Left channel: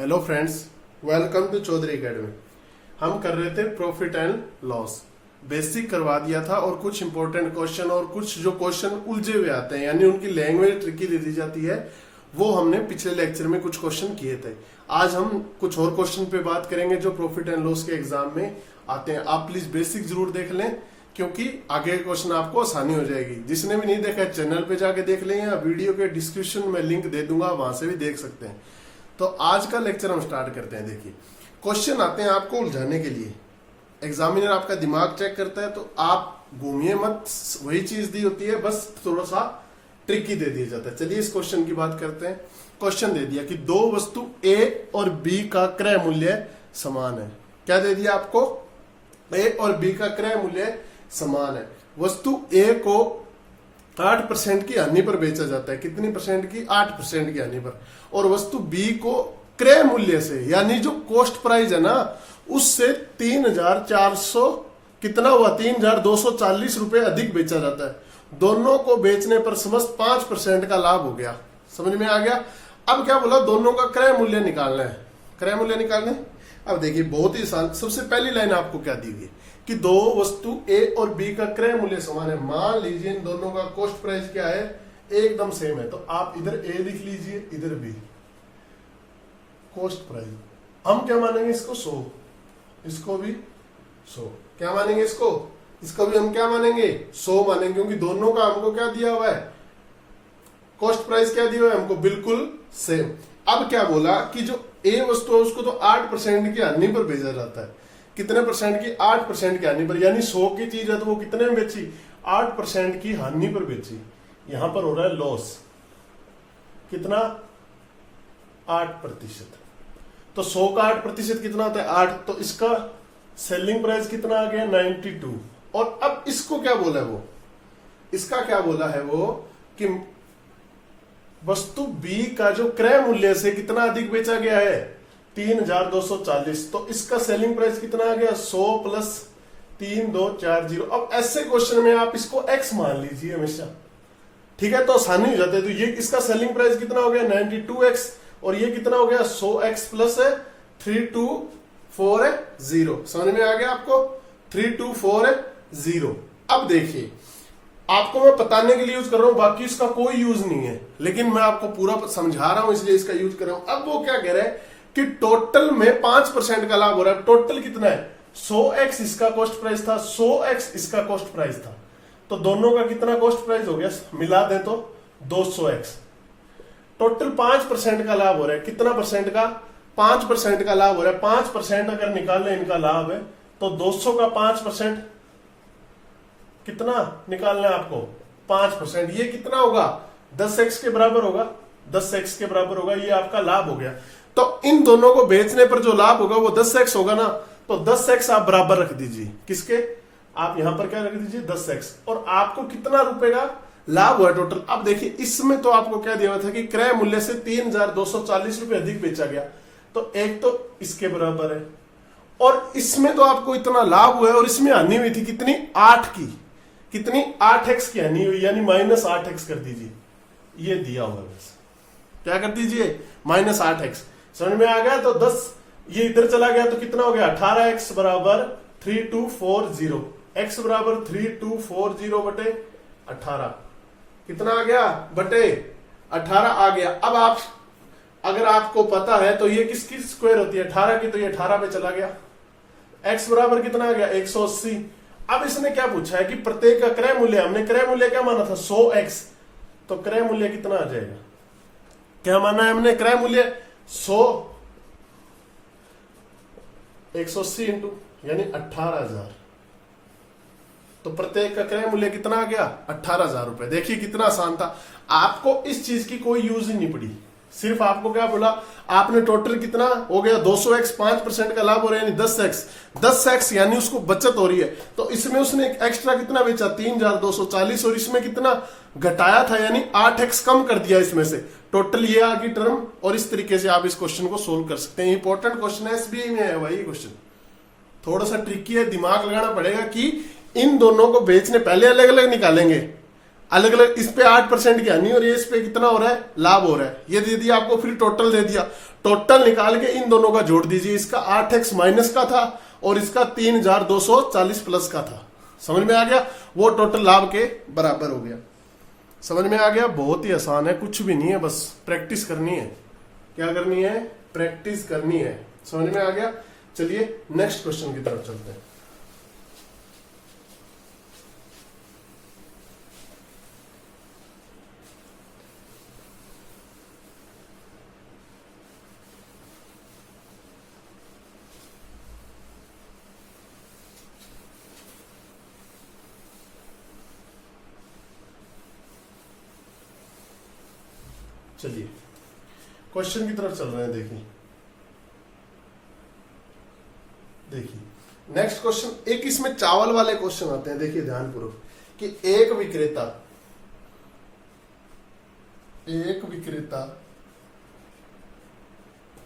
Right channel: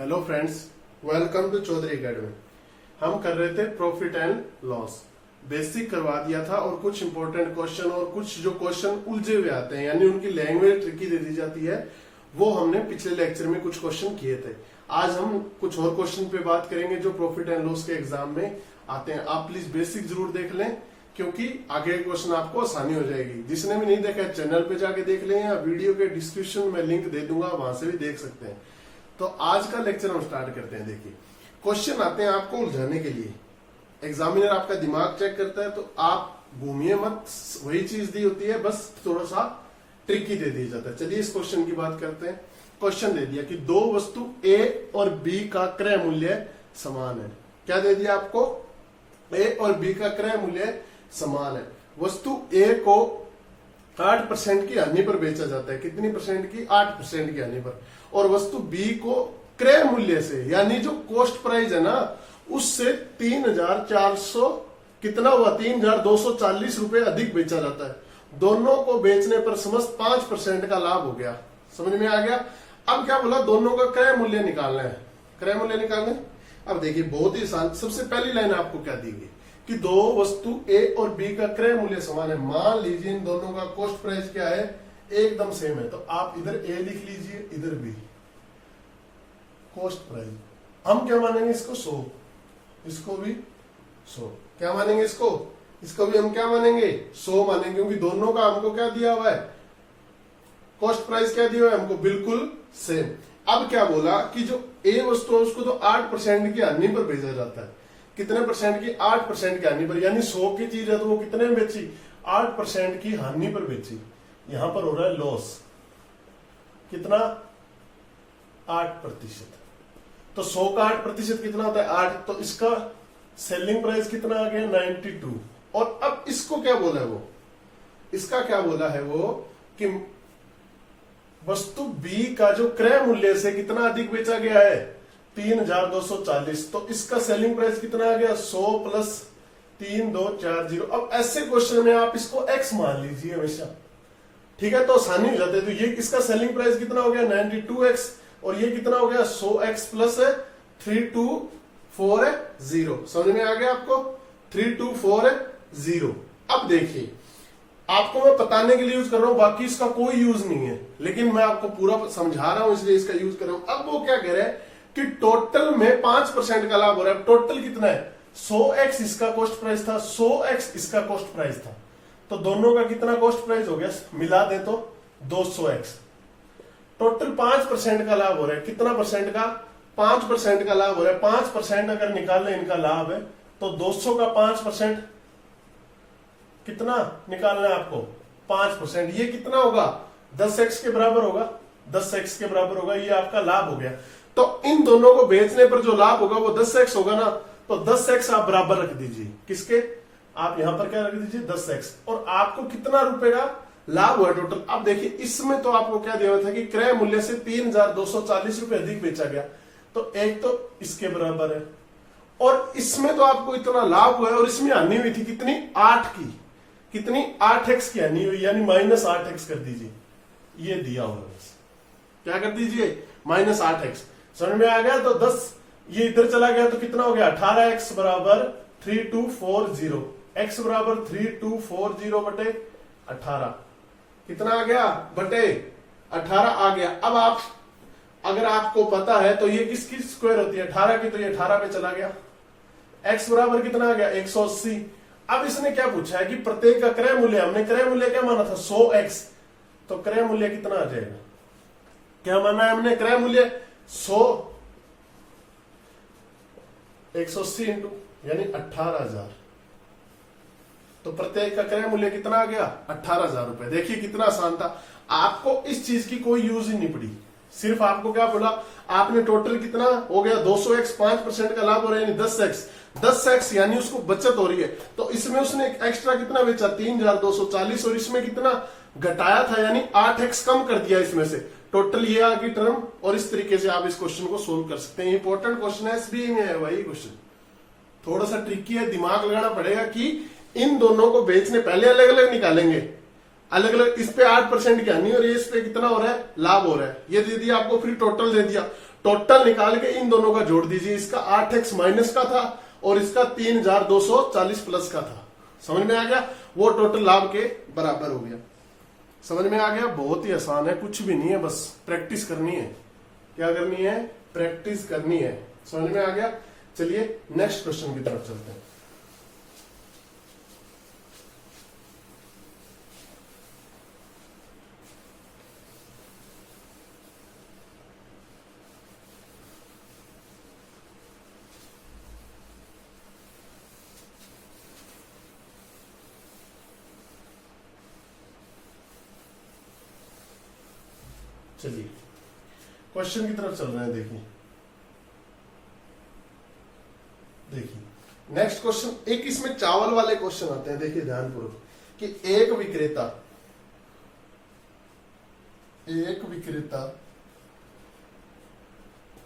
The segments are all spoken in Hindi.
Hello friends, welcome to Chaudhary academy. हम कर रहे थे प्रॉफिट एंड लॉस। बेसिक करवा दिया था और कुछ इंपॉर्टेंट क्वेश्चन और कुछ जो क्वेश्चन उलझे हुए आते हैं यानी उनकी लैंग्वेज ट्रिकी दे दी जाती है, वो हमने पिछले लेक्चर में कुछ क्वेश्चन किए थे। आज हम कुछ और क्वेश्चन पे बात करेंगे जो प्रॉफिट एंड लॉस के एग्जाम में आते हैं। आप प्लीज बेसिक जरूर देख लें क्योंकि आगे क्वेश्चन आपको आसानी हो जाएगी। जिसने भी नहीं देखा चैनल पे जाके देख लें या वीडियो के डिस्क्रिप्शन में लिंक दे दूंगा, वहां से भी देख सकते हैं। तो आज का लेक्चर हम स्टार्ट करते हैं। देखिए, क्वेश्चन आते हैं आपको उलझाने के लिए। एग्जामिनर आपका दिमाग चेक करता है तो आप घूमिए मत, वही चीज दी होती है, बस थोड़ा सा ट्रिकी दे दिया जाता है। चलिए इस क्वेश्चन की बात करते हैं। क्वेश्चन दे दिया कि दो वस्तु ए और बी का क्रय मूल्य समान है। क्या दे दिया आपको? ए और बी का क्रय मूल्य समान है। वस्तु ए को 8% की हानि पर बेचा जाता है। कितनी परसेंट की? 8% की हानि पर। और वस्तु बी को क्रय मूल्य से यानी जो कॉस्ट प्राइस है ना, उससे 3,400 कितना हुआ? 3,240 रुपए अधिक बेचा जाता है। दोनों को बेचने पर समस्त 5% का लाभ हो गया। समझ में आ गया? अब क्या बोला? दोनों का क्रय मूल्य निकालना है। क्रय मूल्य निकालना है। अब देखिए, बहुत ही आसान। सबसे पहली लाइन आपको क्या दी गई कि दो वस्तु ए और बी का क्रय मूल्य समान है। मान लीजिए इन दोनों का कॉस्ट प्राइस क्या है? एकदम सेम है। तो आप इधर ए लिख लीजिए, इधर बी। कॉस्ट प्राइस हम क्या मानेंगे? इसको 100, इसको भी 100। क्या मानेंगे? इसको भी हम क्या मानेंगे? 100 मानेंगे, क्योंकि दोनों का हमको क्या दिया हुआ है? कॉस्ट प्राइस क्या दिया हुआ है हमको? बिल्कुल सेम। अब क्या बोला कि जो ए वस्तु है उसको तो 8% की हानि पर भेजा जाता है। कितने परसेंट की? 8% की हानि पर। यानी 100 की चीज है तो वो कितने में बेची? 8% की हानि पर बेची। यहां पर हो रहा है लॉस। कितना? 8%। तो 100 का 8% कितना होता है? 8। तो इसका सेलिंग प्राइस कितना आ गया? 92। और अब इसको क्या बोला है वो? इसका क्या बोला है वो कि वस्तु बी का जो क्रय मूल्य से कितना अधिक बेचा गया है? 3,240। तो इसका सेलिंग प्राइस कितना आ गया? 100 प्लस 3,240। अब ऐसे क्वेश्चन में आप इसको एक्स मान लीजिए हमेशा, ठीक है? तो आसानी हो जाती है। तो ये इसका सेलिंग प्राइस कितना हो गया? 92x। और ये कितना हो गया? 100x plus 3240। समझ में आ गया आपको? 3240। अब देखिए, आपको मैं बताने के लिए यूज कर रहा हूं, बाकी इसका कोई यूज नहीं है, लेकिन मैं आपको पूरा समझा रहा हूं इसलिए इसका यूज कर रहा हूं। अब वो क्या कह रहे हैं कि टोटल में 5% का लाभ हो रहा है। टोटल कितना है? 100x इसका कॉस्ट प्राइस था, 100x इसका कॉस्ट प्राइस था। तो दोनों का कितना कॉस्ट प्राइस हो गया? मिला दे तो 200x। टोटल 5% का लाभ हो रहा है। कितना परसेंट का? 5% का लाभ हो रहा है। 5% अगर निकालने इनका लाभ है तो 200 का 5% कितना निकालना है आपको? 5%। ये कितना होगा? 10x के बराबर होगा। 10x के बराबर होगा। ये आपका लाभ हो गया। तो इन दोनों को बेचने पर जो लाभ होगा वो 10x होगा ना। तो 10x आप बराबर रख दीजिए। किसके? आप यहां पर क्या रख दीजिए? 10x। और आपको कितना रुपए का लाभ हुआ टोटल? अब देखिए, इसमें तो आपको क्या दिया हुआ था कि क्रय मूल्य से 3,240 रुपए अधिक बेचा गया। तो एक तो इसके बराबर है, और इसमें तो आपको इतना लाभ हुआ है, और इसमें हानि हुई थी कितनी? 8 की। कितनी? 8x की हानि हुई, यानी -8x कर दीजिए। ये दिया हुआ है, क्या कर दीजिए? -8x। समझ में आ गया? तो 10 ये इधर चला गया तो कितना हो गया? 18x बराबर 3240। x बराबर 3240 बटे 18। कितना आ गया? बटे 18 आ गया। अब आप अगर आपको पता है तो ये किसकी स्क्वायर होती है? 18 की। तो ये 18 पे चला गया। x बराबर कितना आ गया? 180। अब इसने क्या पूछा है कि प्रत्येक का क्रय मूल्य, हमने क्रय मूल्य क्या माना था? 100x। तो क्रय मूल्य कितना आ जाएगा? क्या माना है हमने? क्रय मूल्य 100 180 इंटू यानी 18,000। तो प्रत्येक का क्रय मूल्य कितना आ गया? 18,000 रुपए। देखिए कितना आसान था। आपको इस चीज की कोई यूज ही नहीं पड़ी। सिर्फ आपको क्या बोला? आपने टोटल कितना हो गया? 200x। 5% का लाभ हो रहा है यानी 10x। 10x यानी उसको बचत हो रही है। तो इसमें उसने एक्स्ट्रा कितना बेचा? 3,240। और इसमें कितना घटाया था? यानी 8x कम कर दिया इसमें से। टोटल ये आ गई टर्म। और इस तरीके से आप इस क्वेश्चन को सोल्व कर सकते हैं। इंपॉर्टेंट क्वेश्चन है, एसबीआई में है भाई क्वेश्चन। थोड़ा सा ट्रिकी है, दिमाग लगाना पड़ेगा कि इन दोनों को बेचने पहले अलग अलग निकालेंगे, अलग अलग, इस पे 8% की हानि और ये इस पे कितना हो रहा है, लाभ हो रहा है। ये दे दिया आपको, फिर टोटल दे दिया, टोटल निकाल के इन दोनों का जोड़ दीजिए। इसका 8x माइनस का था और इसका 3240 प्लस का था। समझ में आ गया, वो टोटल लाभ के बराबर हो गया। समझ में आ गया, बहुत ही आसान है, कुछ भी नहीं है, बस प्रैक्टिस करनी है। क्या करनी है, प्रैक्टिस करनी है। समझ में आ गया। चलिए नेक्स्ट क्वेश्चन की तरफ चलते हैं। चलिए क्वेश्चन की तरफ चल रहे हैं। देखिए देखिए नेक्स्ट क्वेश्चन, एक इसमें चावल वाले क्वेश्चन आते हैं। देखिए ध्यानपूर्वक कि एक विक्रेता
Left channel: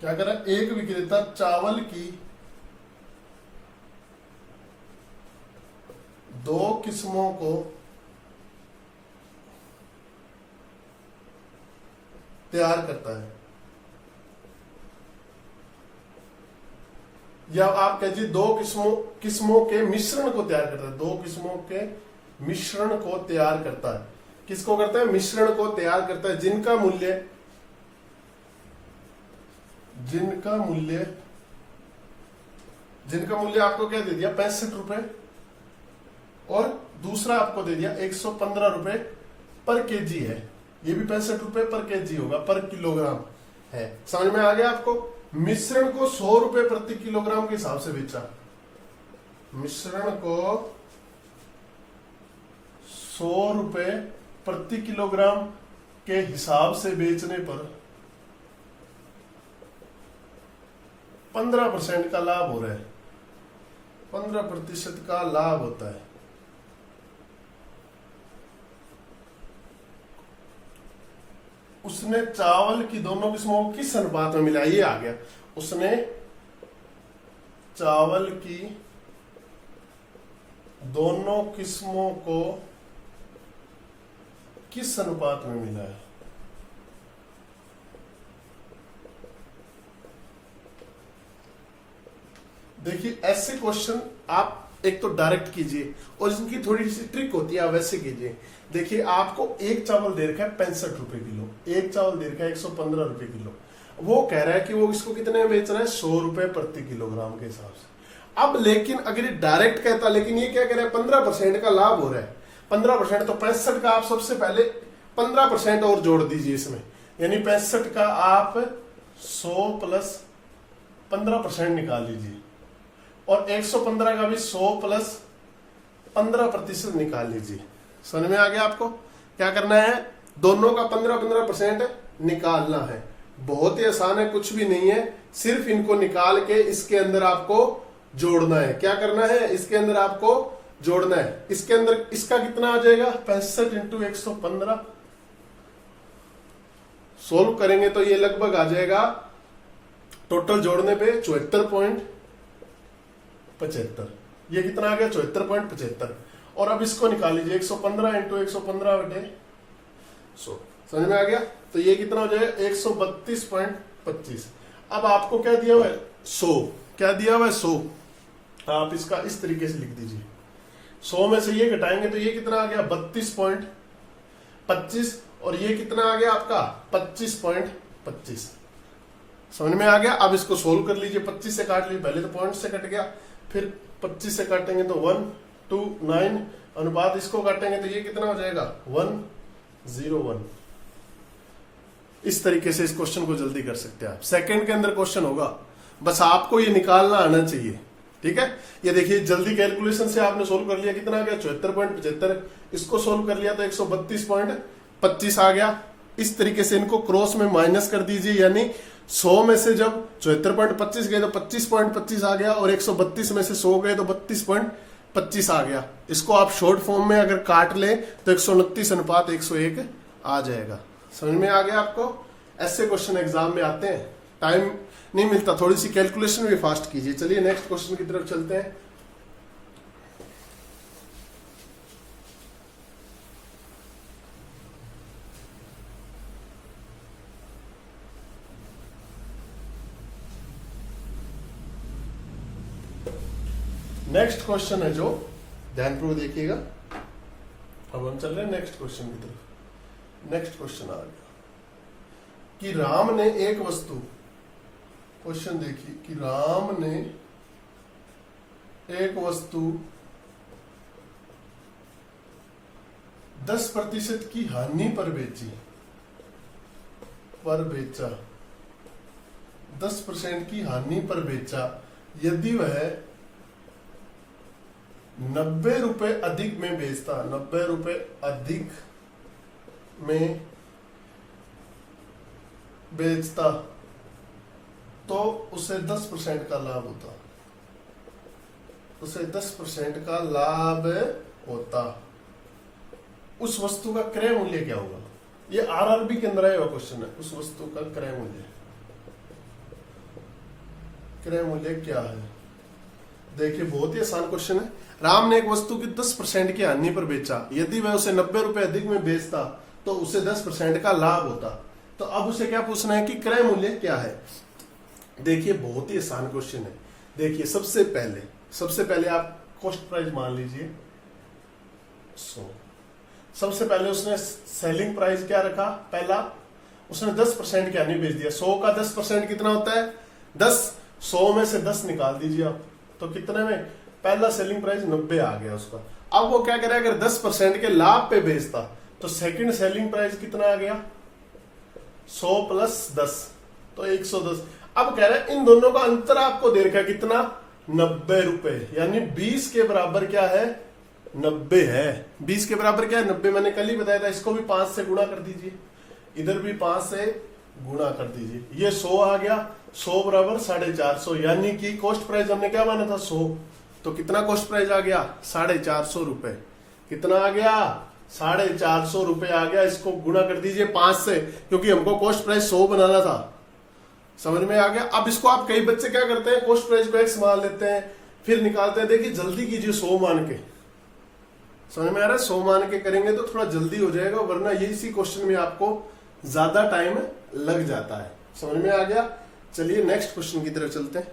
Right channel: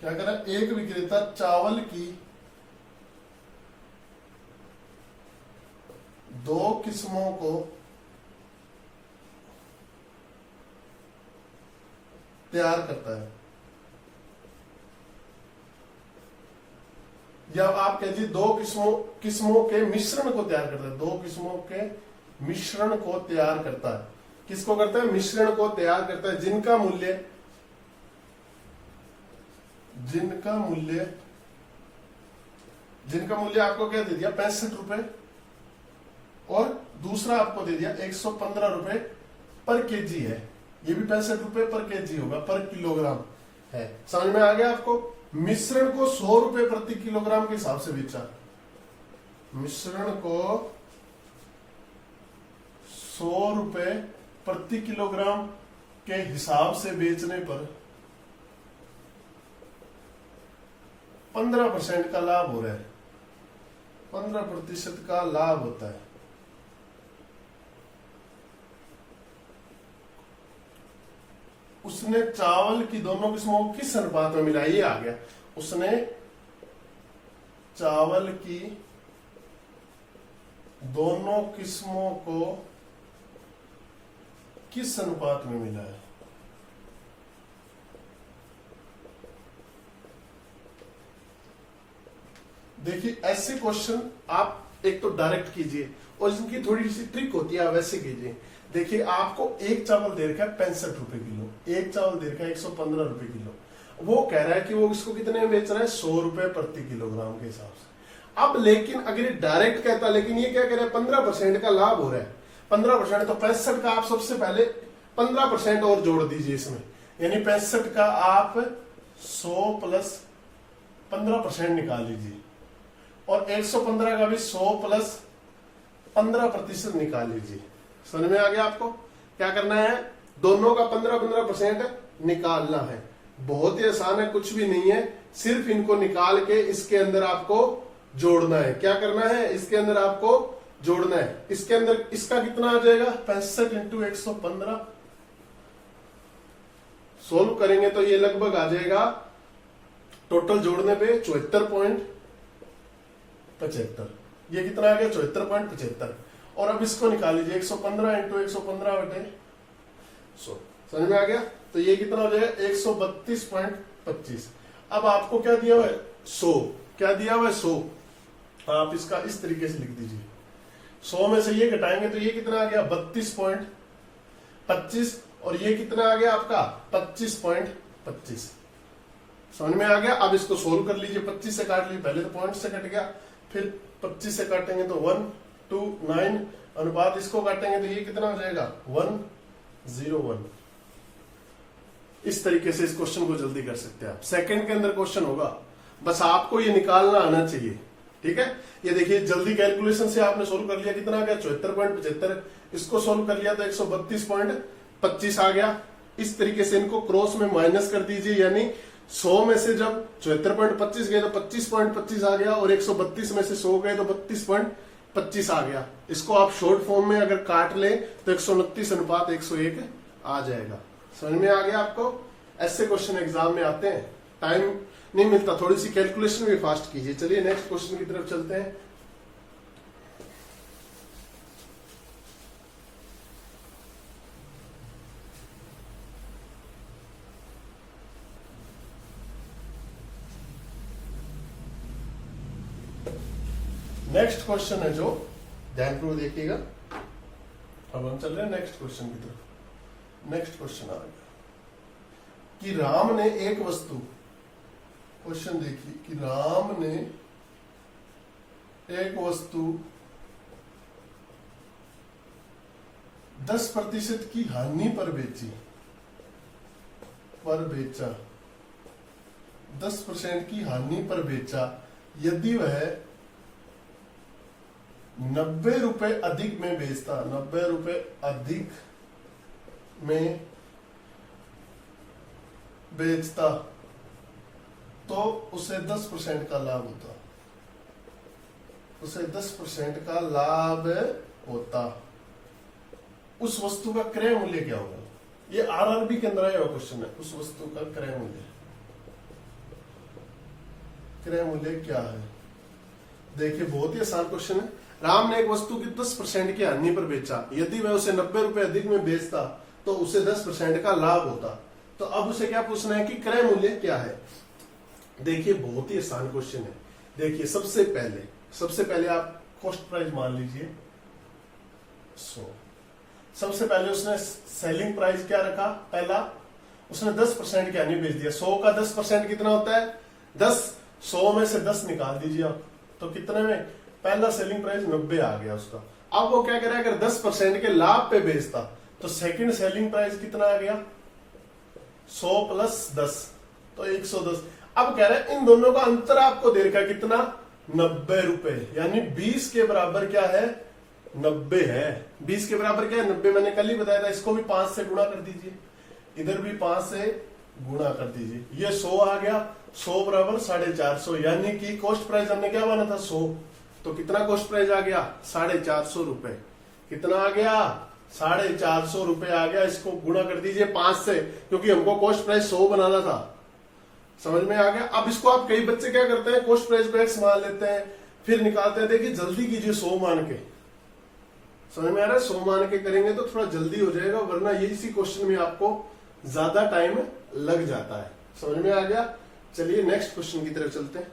क्या कर रहा है, एक विक्रेता चावल की 2 किस्मों को तैयार करता है, या आप कहिए 2 किस्मों के मिश्रण को तैयार करता है। 2 किस्मों के मिश्रण को तैयार करता है। किसको करता है, मिश्रण को तैयार करता है, जिनका मूल्य आपको क्या दे दिया, 65 रुपए, और दूसरा आपको दे दिया 115 रुपए पर केजी है। ये भी 65 रुपए पर केजी होगा, पर किलोग्राम है। समझ में आ गया आपको। मिश्रण को 100 रुपए प्रति किलोग्राम के हिसाब से बेचा। मिश्रण को 100 रुपए प्रति किलोग्राम के हिसाब से बेचने पर 15% का लाभ हो रहा है। 15% का लाभ होता है। उसने चावल की दोनों किस्मों को किस अनुपात में मिलाया, ये आ गया। उसने चावल की दोनों किस्मों को किस अनुपात में मिलाया। देखिए ऐसे क्वेश्चन आप एक तो डायरेक्ट कीजिए, और इनकी थोड़ी सी ट्रिक होती है, आप वैसे कीजिए। देखिए आपको एक चावल दे रखा है 65 रुपए किलो, एक चावल दे रखा है 115 रुपए किलो। वो कह रहा है कि वो इसको कितने में बेच रहा है, 100 रुपए प्रति किलोग्राम के हिसाब से। अब लेकिन अगर ये डायरेक्ट कहता, लेकिन ये क्या कह रहा है, 15% का लाभ हो रहा है। 15% तो 65 का आप सबसे पहले 15% और जोड़ दीजिए इसमें, यानी 65 का आप 100 प्लस 15% निकाल लीजिए, और 115 का भी 100 प्लस 15% निकाल लीजिए। समझ में आ गया आपको। क्या करना है, दोनों का 15% निकालना है। बहुत ही आसान है, कुछ भी नहीं है, सिर्फ इनको निकाल के इसके अंदर आपको जोड़ना है। क्या करना है, इसके अंदर आपको जोड़ना है। इसके अंदर इसका कितना आ जाएगा, 65 इंटू 115। सोल्व करेंगे तो ये लगभग आ जाएगा, टोटल जोड़ने पे 74.75। ये कितना आ गया, 74.75। और अब इसको निकाल लीजिए, 115 इंटू 115 बटे 100। समझ में आ गया। तो ये कितना हो जाएगा, 132.25। अब आपको क्या दिया हुआ है, 100। क्या दिया हुआ है, 100। आप इसका इस तरीके से लिख दीजिए। 100 में से ये घटाएंगे तो ये कितना आ गया, 32.25, और ये कितना आ गया आपका 25.25। समझ में आ गया। अब इसको सोल्व कर लीजिए, 25 से काट लीजिए, पहले तो पॉइंट से कट गया, फिर 25 से काटेंगे तो 1:9 अनुपात, इसको काटेंगे तो ये कितना हो जाएगा, 1:01। इस तरीके से इस क्वेश्चन को जल्दी कर सकते हैं आप। सेकंड के अंदर क्वेश्चन होगा, बस आपको ये निकालना आना चाहिए। ठीक है, ये देखिए जल्दी कैलकुलेशन से आपने सोल्व कर लिया, कितना आ गया, 74.75। इसको सोल्व कर लिया तो 132.25 आ गया। इस तरीके से इनको क्रॉस में माइनस कर दीजिए, यानी 100 में से जब 74.25 गए तो 25.25 आ गया, और 132 में से 100 गए तो 32.25 आ गया। इसको आप शॉर्ट फॉर्म में अगर काट लें तो 129:101 आ जाएगा। समझ में आ गया आपको। ऐसे क्वेश्चन एग्जाम में आते हैं, टाइम नहीं मिलता, थोड़ी सी कैलकुलेशन भी फास्ट कीजिए। चलिए नेक्स्ट क्वेश्चन की तरफ चलते हैं। नेक्स्ट क्वेश्चन है जो ध्यानपूर्वक देखिएगा। अब हम चल रहे हैं नेक्स्ट क्वेश्चन की तरफ। नेक्स्ट क्वेश्चन आ गया कि राम ने एक वस्तु, क्वेश्चन देखिए कि राम ने एक वस्तु 10% की हानि पर बेचा 10% की हानि पर बेचा यदि वह 90 रुपए अधिक में बेचता, 90 रुपए अधिक में बेचता तो उसे 10% का लाभ होता, उसे 10% का लाभ होता। उस वस्तु का क्रय मूल्य क्या होगा? ये आरआरबी के अंदर आया हुआ क्वेश्चन है। उस वस्तु का क्रय मूल्य, क्रय मूल्य क्या है? देखिए बहुत ही आसान क्वेश्चन है। राम ने एक वस्तु की 10% की हानि पर बेचा, यदि वह उसे 90 रुपए अधिक में बेचता तो उसे 10% का लाभ होता। तो अब उसे क्या पूछना है कि क्रय मूल्य क्या है। देखिए बहुत ही आसान क्वेश्चन है। देखिए सबसे पहले आप कॉस्ट प्राइस मान लीजिए 100। सबसे पहले उसने सेलिंग प्राइस क्या रखा? पहला उसने 10% की हानि बेच दिया। 100 का 10% कितना होता है? 10। 100 में से 10 निकाल दीजिए आप, तो कितने में? पहला सेलिंग प्राइस 90 आ गया उसका। अब वो क्या करे, अगर 10% के लाभ पे बेचता तो सेकंड सेलिंग प्राइस कितना आ गया? 100 प्लस 10 तो 110। अब कह रहे हैं इन दोनों का अंतर आपको दे रखा कितना? 90 रुपए, यानी 20 के बराबर क्या है? 90 है। 20 के बराबर क्या है? 90। मैंने कल ही बताया था। इसको भी 5 से गुणा कर दीजिए, इधर भी 5 से गुणा कर दीजिए। ये 100 आ गया। 100 बराबर 450, यानी कि कॉस्ट प्राइस हमने क्या माना था? 100। तो कितना कॉस्ट प्राइस आ गया? 450 रुपए। कितना आ गया? 450 रुपए आ गया। इसको गुणा कर दीजिए 5 से, क्योंकि हमको कॉस्ट प्राइस 100 बनाना था। समझ में आ गया? अब इसको आप, कई बच्चे क्या करते हैं, कॉस्ट प्राइस को x मान लेते हैं फिर निकालते हैं। देखिए जल्दी कीजिए 100 मान के। समझ में आ रहा है? 100 मान के करेंगे तो थोड़ा जल्दी हो जाएगा, वरना इसी क्वेश्चन में आपको ज्यादा टाइम लग जाता है। समझ में आ गया? चलिए नेक्स्ट क्वेश्चन की तरफ चलते हैं।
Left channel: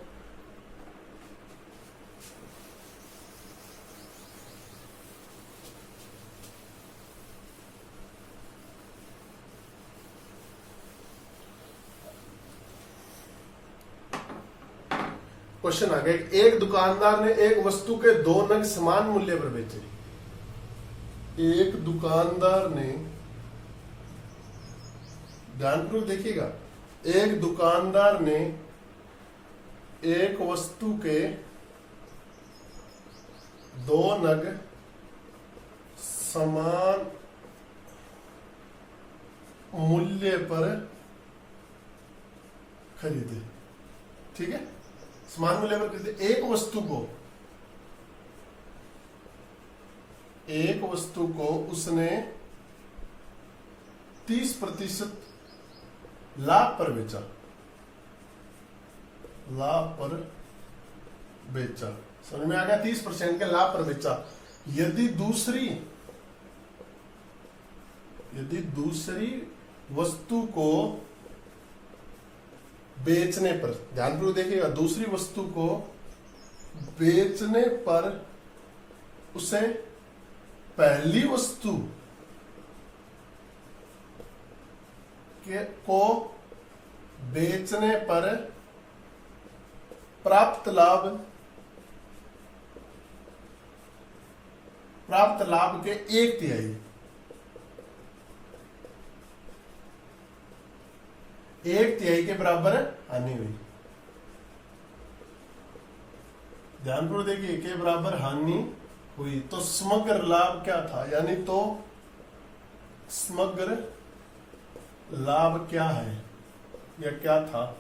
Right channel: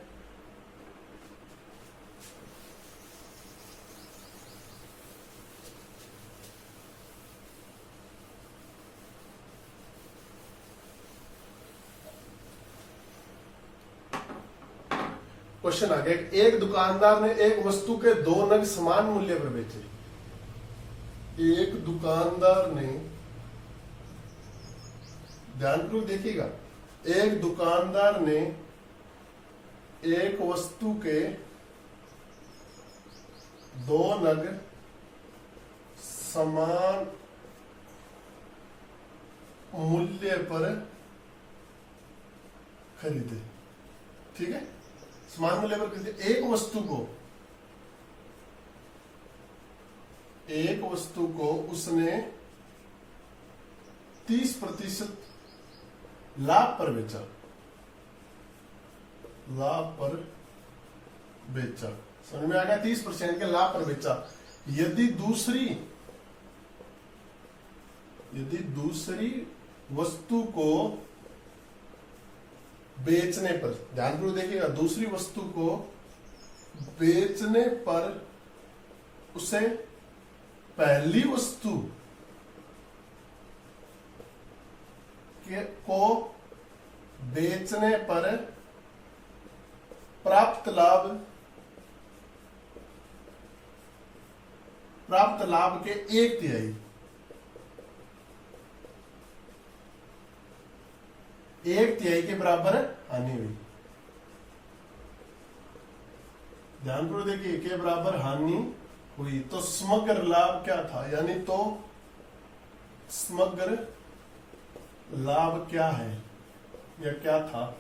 क्वेश्चन आ गया, एक दुकानदार ने एक वस्तु के 2 नग समान मूल्य पर बेचे। एक दुकानदार ने, ध्यानपूर्वक देखिएगा, एक दुकानदार ने एक वस्तु के 2 नग समान मूल्य पर खरीदे। ठीक है, समान मूल्य पर खरीदे। एक वस्तु को उसने 30% लाभ पर बेचा। लाभ पर बेचा, समझ में आ गया? 30% के लाभ पर बेचा। यदि दूसरी वस्तु को बेचने पर, ध्यानपूर्वक देखिएगा, दूसरी वस्तु को बेचने पर उसे पहली वस्तु को बेचने पर प्राप्त लाभ के 1/3, 1/3 के बराबर हानि हुई। ध्यानपूर्वक देखिए, के बराबर हानि हुई तो समग्र लाभ क्या था? यानी तो समग्र लाभ क्या है या क्या था,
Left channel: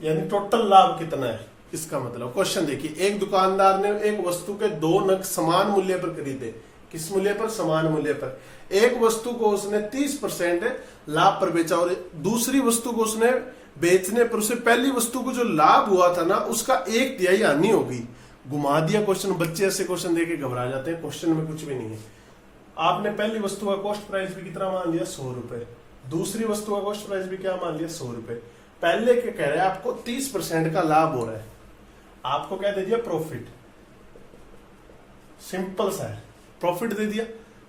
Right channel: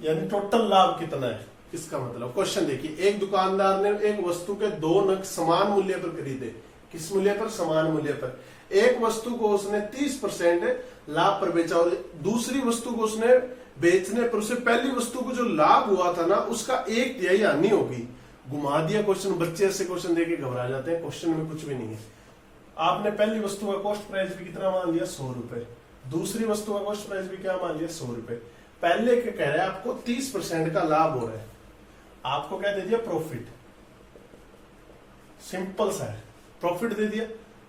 यानी टोटल लाभ कितना है, इसका मतलब। क्वेश्चन देखिए, एक दुकानदार ने एक वस्तु के 2 नग समान मूल्य पर खरीदे। किस मूल्य पर? समान मूल्य पर। एक वस्तु को उसने 30% लाभ पर बेचा और दूसरी वस्तु को उसने बेचने पर उसे पहली वस्तु को जो लाभ हुआ था ना, उसका 1/3 हानि होगी। घुमा दिया क्वेश्चन। बच्चे ऐसे क्वेश्चन देके घबरा जाते हैं, क्वेश्चन में कुछ भी नहीं है। आपने पहली वस्तु का कॉस्ट प्राइस भी कितना मान लिया? 100 रुपए। दूसरी वस्तु का कॉस्ट प्राइस भी क्या मान लिया? 100 रुपए। पहले के कह रहे हैं आपको 30% का लाभ हो रहा है, आपको क्या दे दिया? प्रॉफिट। सिंपल सा है, प्रॉफिट दे दिया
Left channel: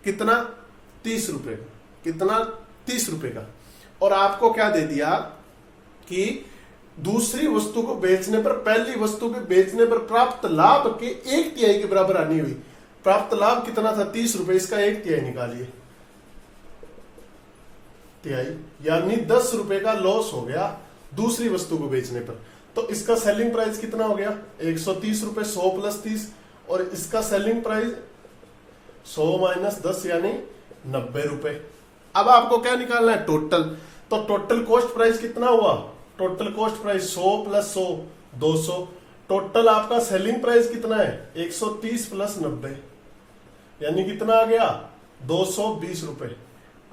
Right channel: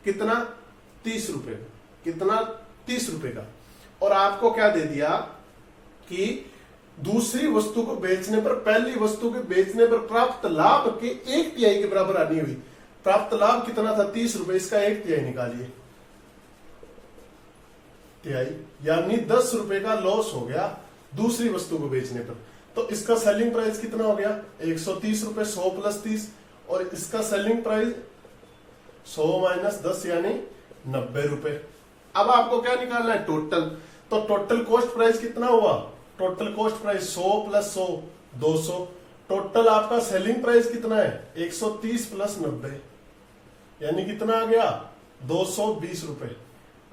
कितना 30 रुपए, कितना 30 रुपए का। और आपको क्या दे दिया कि दूसरी वस्तु को बेचने पर, पहली वस्तु के बेचने पर प्राप्त लाभ के 1/3 के बराबर आनी हुई। प्राप्त लाभ कितना था 30 रुपए, इसका 1/3 निकालिए, तिहाई, यानी 10 रुपए का लॉस हो गया दूसरी वस्तु को बेचने पर। तो इसका सेलिंग प्राइस कितना हो गया 130 रुपए, 100 + 30, और इसका सेलिंग प्राइस 100 - 10 यानी 90 रुपए। अब आपको क्या निकालना है टोटल, तो टोटल कॉस्ट प्राइस कितना हुआ, टोटल कॉस्ट प्राइस 100 + 100 200, टोटल आपका सेलिंग प्राइस कितना है 130 + 90 यानी कितना आ गया 220 रुपए।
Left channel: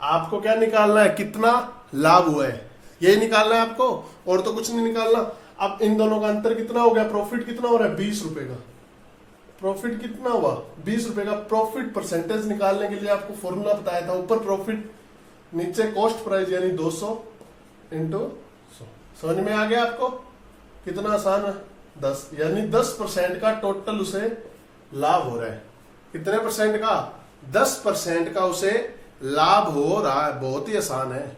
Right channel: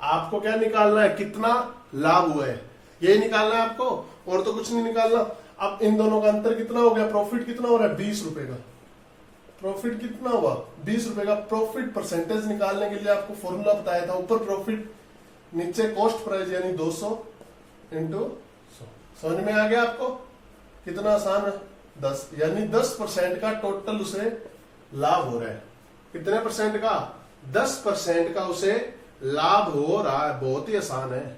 आपको क्या निकालना है, कितना लाभ हुआ है, यही निकालना है आपको, और तो कुछ नहीं निकालना। अब इन दोनों का अंतर कितना हो गया, प्रॉफिट कितना हो रहा है 20 रुपए का, प्रॉफिट कितना हुआ 20 रुपए का। प्रॉफिट परसेंटेज निकालने के लिए आपको फॉर्मूला बताया था, ऊपर प्रॉफिट नीचे कॉस्ट प्राइस यानी 200 × 100। समझ में आ गया आपको, कितना आसान है 10, यानी 10% का टोटल उसे लाभ हो रहा है। कितने परसेंट का, 10% का उसे लाभ हो रहा है। बहुत ही आसान है,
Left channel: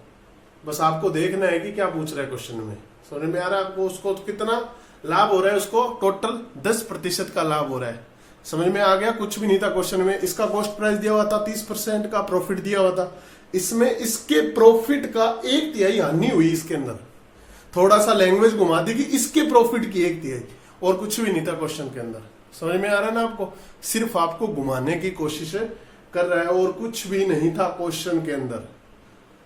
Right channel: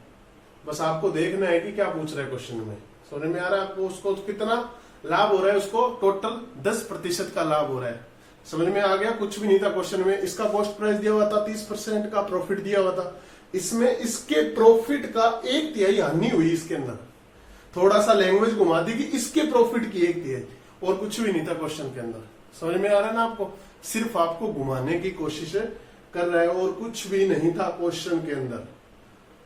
बस आपको देखना है कि क्या पूछ रहा है क्वेश्चन में। समझ में आ रहा है आपको, उसको कितना लाभ हो रहा है, उसको टोटल 10% का लाभ हो रहा है। समझ में आ गया, कुछ भी नहीं था क्वेश्चन में। इसका कॉस्ट प्राइस दिया हुआ था 30% का, प्रॉफिट दिया हुआ था, इसमें इसके प्रॉफिट का 1/3 हानि हुई। इसके अंदर थोड़ा सा लैंग्वेज घुमा दी कि इसके प्रॉफिट की 1/3, और कुछ भी नहीं था क्वेश्चन के अंदर। समझ में आ रहा है ना आपको, सिर्फ आपको घुमाने की कोशिश कर रहा है, और कुछ भी नहीं था क्वेश्चन के अंदर।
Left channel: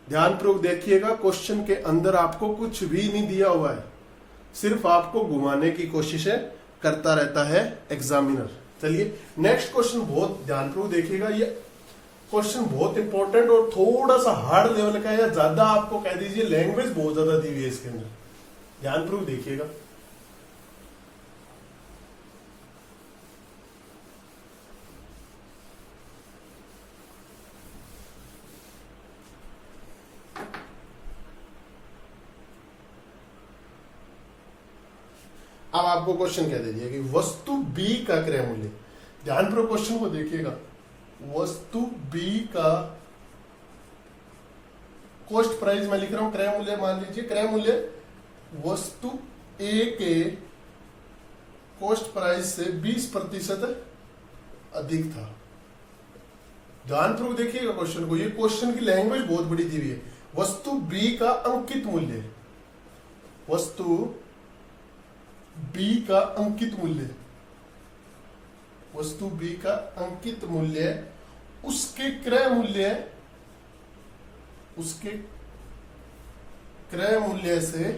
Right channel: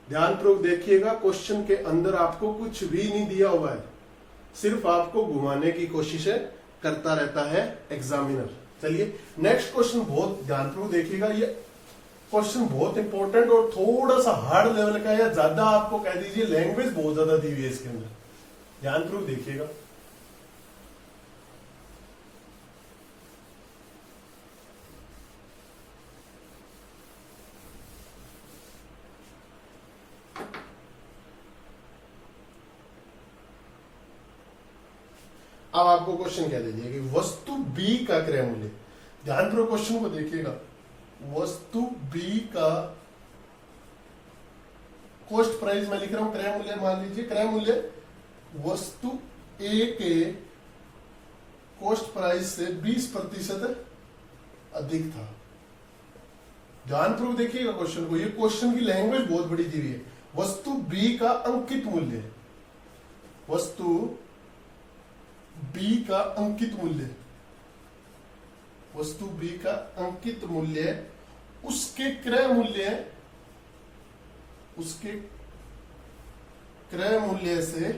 ध्यानपूर्वक देखिएगा, क्वेश्चन के अंदर आपको कुछ भी नहीं दिया हुआ है, सिर्फ आपको घुमाने की कोशिशें करता रहता है एग्जामिनर। चलिए नेक्स्ट क्वेश्चन बहुत ध्यानपूर्वक देखिएगा, ये क्वेश्चन बहुत इंपॉर्टेंट और थोड़ा सा हार्ड लेवल का, या ज्यादा आपको कह दीजिए लैंग्वेज बहुत ज्यादा दी हुई है इसके अंदर। ध्यानपूर्वक देखिएगा। अब आपको क्वेश्चन क्या दे दिया कि वस्तु बी का क्रय मूल्य, ध्यानपूर्वक क्वेश्चन को देखिएगा, वस्तु बी का कॉस्ट प्राइस मैं लिख रहा हूं, क्रय मूल्य मान लीजिए, क्रय मूल्य वस्तु ए के कॉस्ट प्राइस से 20% अधिक था। ध्यानपूर्वक देखिएगा क्वेश्चन को, ये क्वेश्चन की लैंग्वेज बहुत बड़ी दी हुई है। वस्तु बी का अंकित मूल्य, वस्तु बी का अंकित मूल्य, वस्तु बी का अंकित मूल्य उसके क्रय मूल्य, उसके क्रय मूल्य से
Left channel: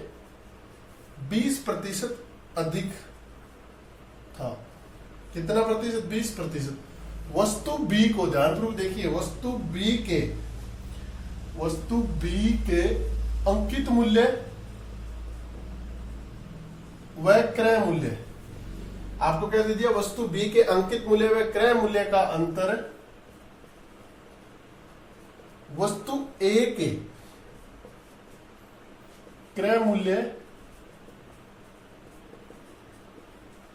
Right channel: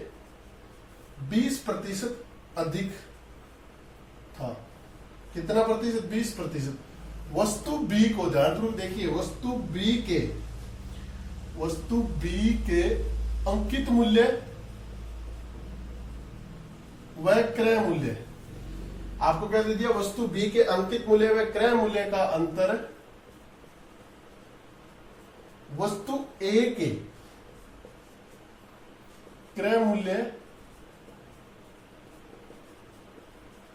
20% अधिक था। कितना प्रतिशत, 20%। वस्तु बी को ध्यानपूर्वक देखिए, वस्तु बी के अंकित मूल्य व क्रय मूल्य, आपको क्या दे दिया, वस्तु बी के अंकित मूल्य व क्रय मूल्य का अंतर वस्तु ए के क्रय मूल्य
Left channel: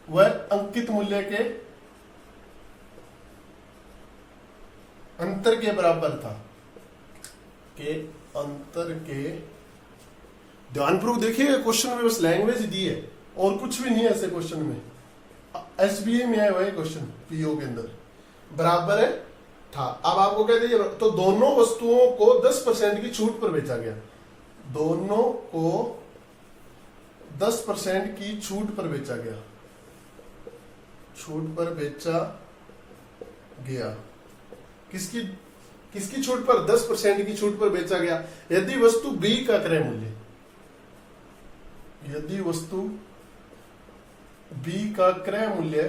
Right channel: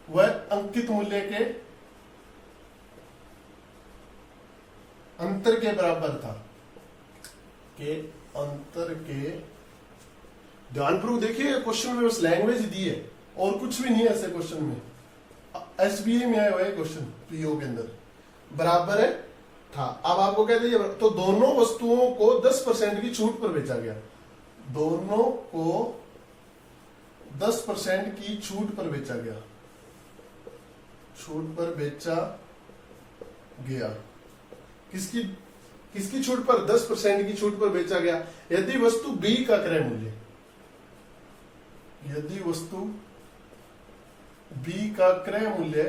व अंकित मूल्य के अंतर के बराबर था, के अंतर के। ध्यानपूर्वक देखिए क्वेश्चन में बस लैंग्वेज दी है और कुछ भी नहीं है ऐसे क्वेश्चन में। एसबीए में आया हुआ है क्वेश्चन, पीओ के अंदर बराबर है था। अब आपको कह दीजिए, तो दोनों वस्तुओं को 10% की छूट पर बेचा गया, दोनों को 10% की छूट पर बेचा गया, छूट पर बेचा गया। किसकी किसकी छूट पर, 10% की छूट पर बेचा गया यदि वस्तु बी का क्रय मूल्य, यदि वस्तु बी का क्रय मूल्य,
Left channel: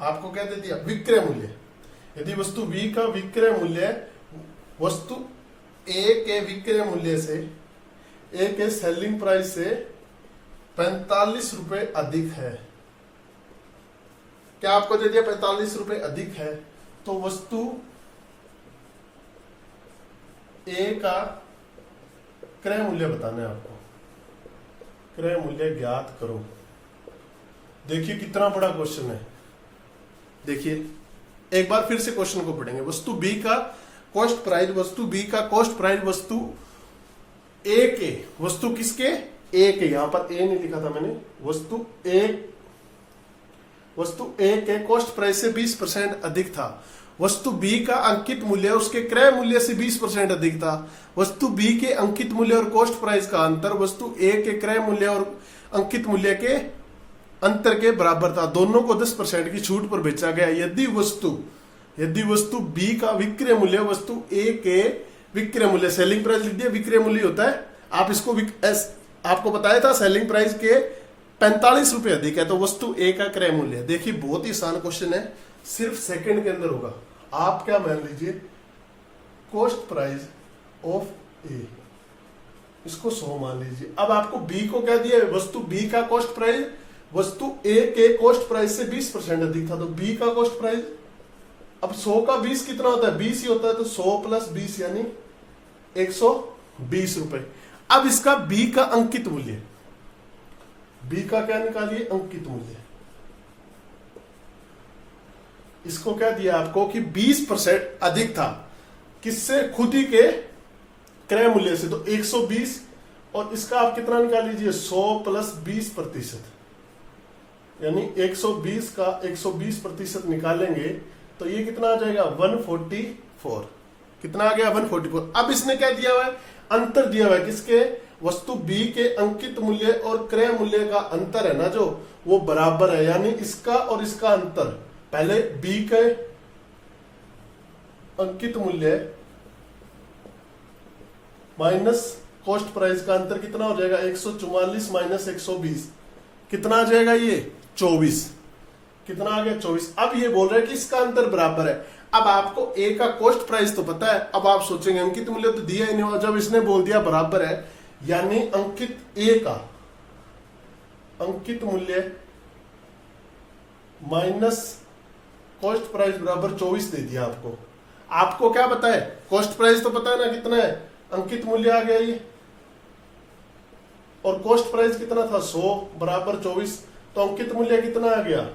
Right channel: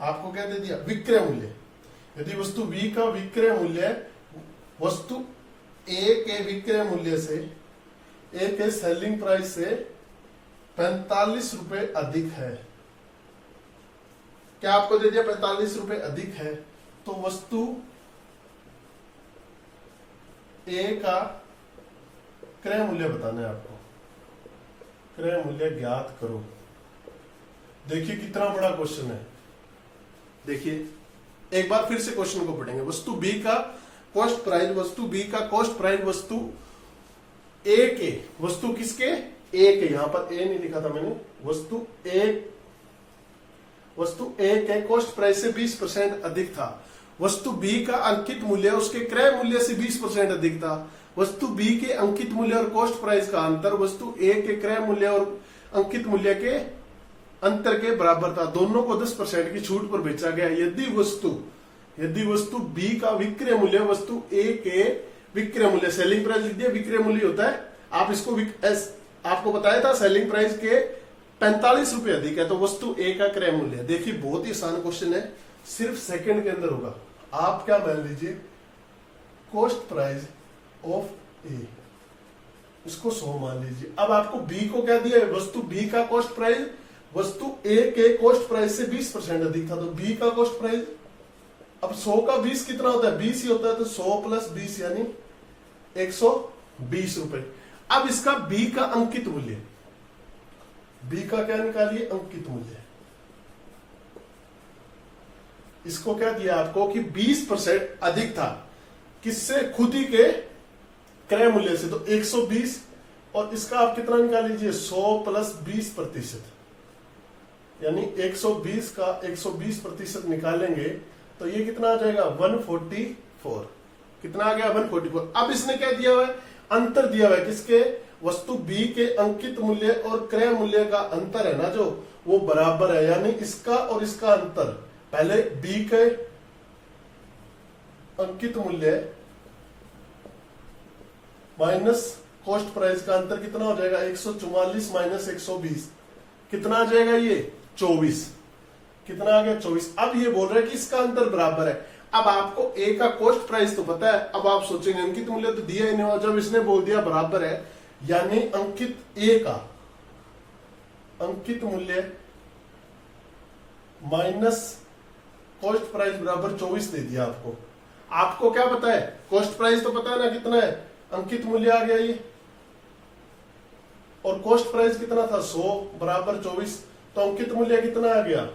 आपको क्या दे दिया, विक्रय मूल्य, यदि वस्तु बी का विक्रय मूल्य वस्तु ए के विक्रय मूल्य से, ए के सेलिंग प्राइस से 45 रुपए अधिक है। क्या आपको दे दिया 45 रुपए अधिक है, तो वस्तु ए का क्रय मूल्य बताना है आपको, क्रय मूल्य ज्ञात करो। देखिए कितना बड़ा क्वेश्चन है, देखिए एक बार फिर से क्वेश्चन को पढ़ेंगे। वस्तु बी का कॉस्ट प्राइस, वस्तु बी का कॉस्ट प्राइस वस्तु ए के, वस्तु किसके, ए के, यहां पर ए नहीं लिखा था मैंने, वस्तु ए के कॉस्ट प्राइस से 20% अधिक था। वस्तु बी का अंकित मूल्य उसके क्रय मूल्य से 20% अधिक था। वस्तु बी के अंकित मूल्य और कॉस्ट प्राइस का अंतर वस्तु ए के क्रय मूल्य और अंकित मूल्य के अंतर के बराबर था। दोनों को 10% की छूट पर बेचा गया। यदि वस्तु बी का विक्रय मूल्य वस्तु ए के विक्रय मूल्य, सेलिंग प्राइस लिख दिया, विक्रय मूल्य होता है, आप इसको आपको बताया था सेलिंग प्राइस के 45 रुपए अधिक है, तो वस्तु ए का क्रय मूल्य। देखिए बहुत ही आसान क्वेश्चन है, सिर्फ सेकंड के अंदर होगा। आप क्या मान लीजिए, कॉस्ट प्राइस ऑफ ए, इसको 100 मान लीजिए। अब आपको बी को क्या दिया, वस्तु बी का कॉस्ट प्राइस वस्तु ए के कॉस्ट प्राइस से 20% अधिक था, तो बी का कॉस्ट प्राइस, अब 100 का 20 कितना होता है, 20 ही होता है, तो 100 प्लस 20 यानी 120 रुपए। अब इसका बी का अंकित मूल्य, बी का क्या निकालिए, अंकित मूल्य। इसको क्या दिया आपको कि 20% अधिक था, किससे, खुद ही के क्रय मूल्य से, तो 120, और इसका आप कितना निकाल लीजिए, 100 प्लस 20%, यानी 120 का 120% निकालेंगे तो ये कितना आ जाएगा, 144। कितना आ गया, 144। अब इसने क्या दिया हुआ है, अंतर दिया हुआ है, किसके, वस्तु बी के अंकित मूल्य और क्रय मूल्य का अंतर है ना जो, वो बराबर है, यानी इसका और इसका अंतर, पहले बी के अंकित मूल्य माइनस कॉस्ट प्राइस का अंतर कितना हो जाएगा, 144 माइनस 120, कितना आ जाएगा, ये 24। कितना आ गया, 24। अब ये बोल रहे हैं कि इसका अंतर बराबर है। अब आपको ए का कॉस्ट प्राइस तो पता है, अब आप सोचेंगे अंकित मूल्य तो दिया ही नहीं, और जब इसने बोल दिया बराबर है, यानी अंकित ए का अंकित मूल्य माइनस कॉस्ट प्राइस बराबर 24 दे दिया आपको। आपको क्या पता है, कॉस्ट प्राइस तो पता है ना कितना है, अंकित मूल्य आ गया ये, और कॉस्ट प्राइस कितना था, 100 बराबर 24, तो अंकित मूल्य कितना आ गया,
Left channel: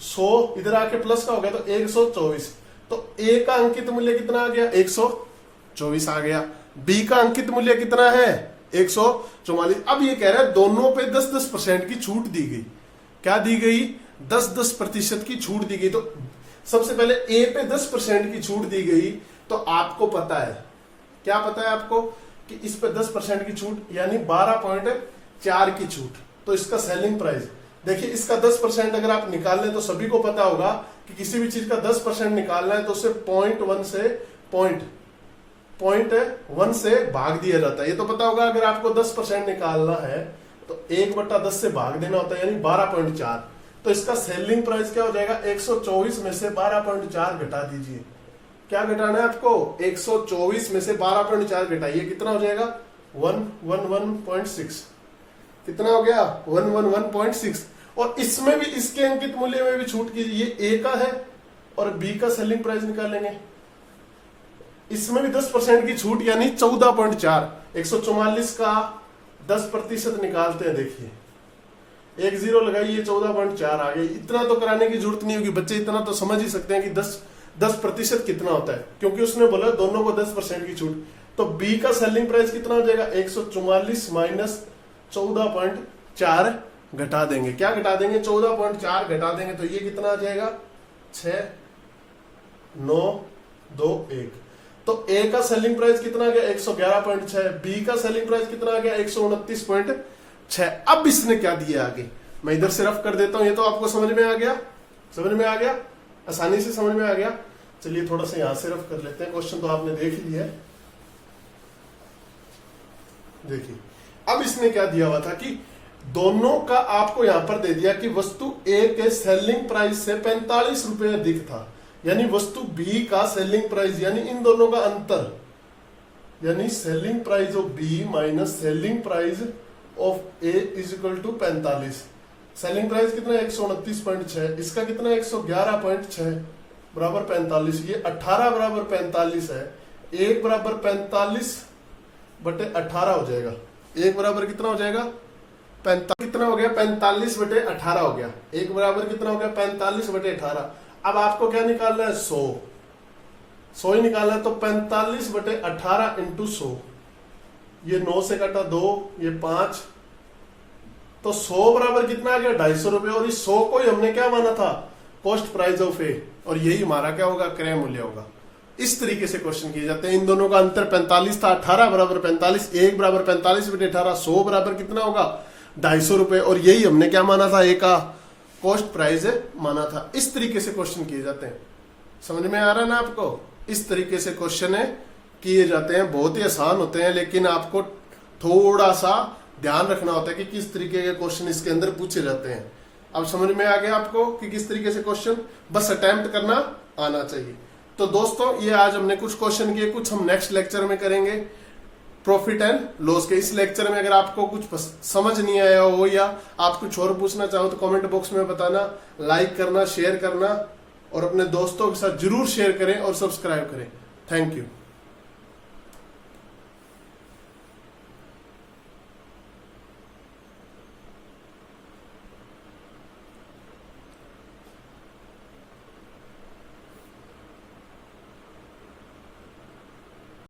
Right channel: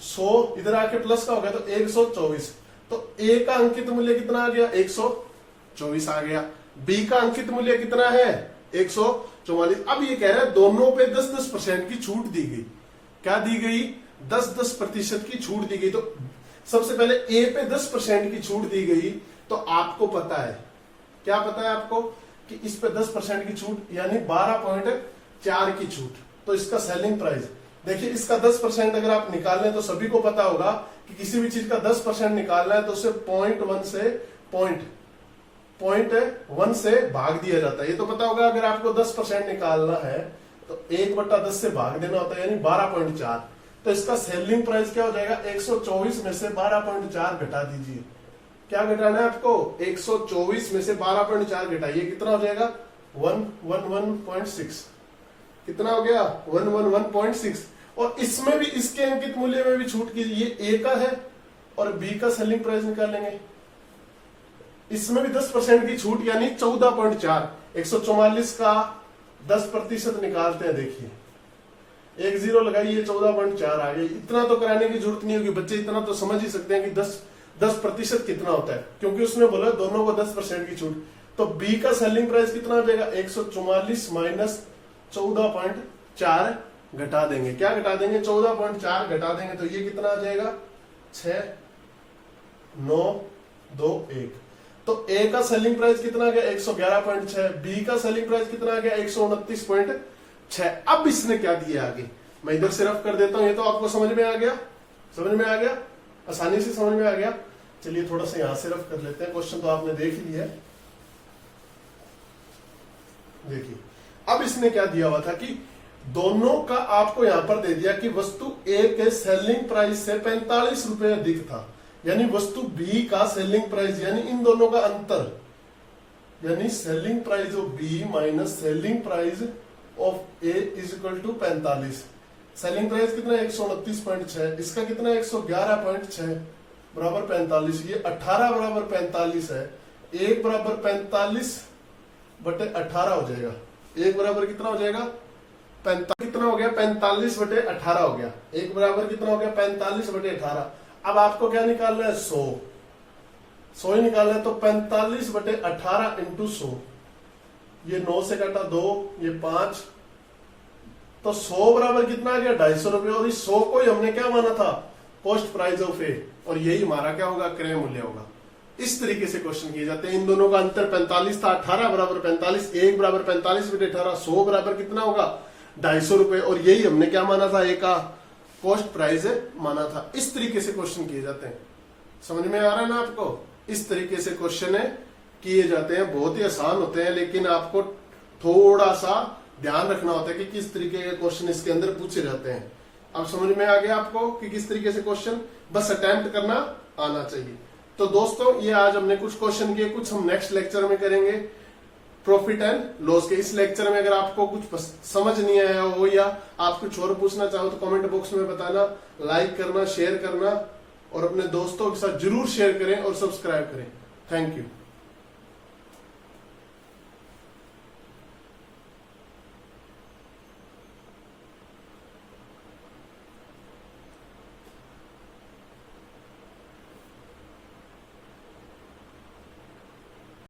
100 इधर आके प्लस का हो गया, तो 124। तो ए का अंकित मूल्य कितना आ गया, 124 आ गया। बी का अंकित मूल्य कितना है, 144। अब ये कह रहा है दोनों पे 10-10% की छूट दी गई। क्या दी गई, 10-10% की छूट दी गई। तो सबसे पहले ए पे 10% की छूट दी गई, तो आपको पता है, क्या पता है आपको, कि इस पे 10% की छूट, यानी 12.4 की छूट। तो इसका सेलिंग प्राइस देखिए, इसका 10% अगर आप निकाल लें तो सभी को पता होगा कि किसी भी चीज का 10% निकालना है तो उसे 0.1 से भाग दिया जाता है। ये तो पता होगा, अगर आपको 10% निकालना है तो 1/10 से भाग देना होता है, यानी 12.4। तो इसका सेलिंग प्राइस क्या हो जाएगा, 124 में से 12.4 घटा दीजिए। क्या घटाना है आपको, 124 में से 12.4 घटाइए, कितना हो जाएगा, 111.6। कितना हो गया, 111.6। और इसमें भी, इसके अंकित मूल्य में भी छूट कीजिए, ये ए का है और बी का सेलिंग प्राइस निकालेंगे, इसमें भी 10% की छूट, यानी 14.4। 144 का 10% निकालते हैं, देखिए 1 0 लगाइए, 14.4 आ गई। इतना तो कराने की जरूरत नहीं होगी, बच्चे इतना तो समझ ही सकते हैं कि 10% कितना होता है, क्योंकि उसने बोला दोनों को 10% की छूट। तो बी का सेलिंग प्राइस कितना हो जाएगा, 144 माइनस 14.4 घटा देंगे। क्या घटा देंगे, 14.4 घटा देंगे, तो ये कितना आ जाएगा, 6,921। तो ए का सेलिंग प्राइस कितना आ गया, 111.6। बी का सेलिंग प्राइस कितना आ गया, 129.6। अब इसने क्या दिया आगे, मैं इधर से रफ कर देता हूं, ये तो आपको समझ में आ गया, आसानी से समझ में आ गया। चलिए थोड़ा सा यहां से रफ कर लेते हैं, क्वेश्चन तो आपने देख ही लिया है। देखिए अब इसने क्या दिया हुआ था कि दोनों का आपको यहां पर दे दिया कि वस्तु ए के सेलिंग प्राइस से 45 रुपए अधिक था, यानी वस्तु बी का सेलिंग प्राइस, यानी इन दोनों का अंतर, यानी selling price of B minus selling price of A is equal to 45। Selling price कितना है, 129.6, इसका कितना है, 111.6 बराबर 45। ये 18 बराबर 45 है, 1 बराबर 45/18 हो जाएगा। 1 बराबर कितना हो जाएगा, कितना हो गया 45/18 हो गया। एक बराबर कितना हो गया 45/18। अब आपको क्या निकालना है 100 ही निकालना है। तो 45/18 इंटू 100, ये 9 से कटा 2, ये 5, तो 100 बराबर कितना आ गया 250 रुपए। और इस 100 को ही हमने क्या माना था कॉस्ट प्राइस ऑफ ए, और यही हमारा क्या होगा क्रय मूल्य होगा। इस तरीके से क्वेश्चन किए जाते हैं। इन दोनों का अंतर 45 था, 18 बराबर 45, 1 बराबर 45/18, 100 बराबर कितना होगा 250 रुपए, और यही हमने क्या माना था ए का कॉस्ट प्राइस माना था। इस तरीके से क्वेश्चन किए जाते हैं। समझ में आ रहा है ना आपको? इस तरीके से क्वेश्चन किए जाते हैं। बहुत ही आसान होते हैं, लेकिन आपको थोड़ा सा ध्यान रखना होता है कि किस तरीके के क्वेश्चन इसके अंदर पूछे जाते हैं। अब समझ में आ गया आपको कि किस तरीके से क्वेश्चन, बस अटेम्प्ट करना आना चाहिए। तो दोस्तों ये आज हमने कुछ क्वेश्चन किए, कुछ हम नेक्स्ट लेक्चर में करेंगे प्रॉफिट एंड लॉस के। इस लेक्चर में अगर आपको कुछ समझ नहीं आया हो या आप कुछ और पूछना चाहो तो कमेंट बॉक्स में बताना। लाइक करना, शेयर करना और अपने दोस्तों के साथ जरूर शेयर करें और सब्सक्राइब करें। Thank you.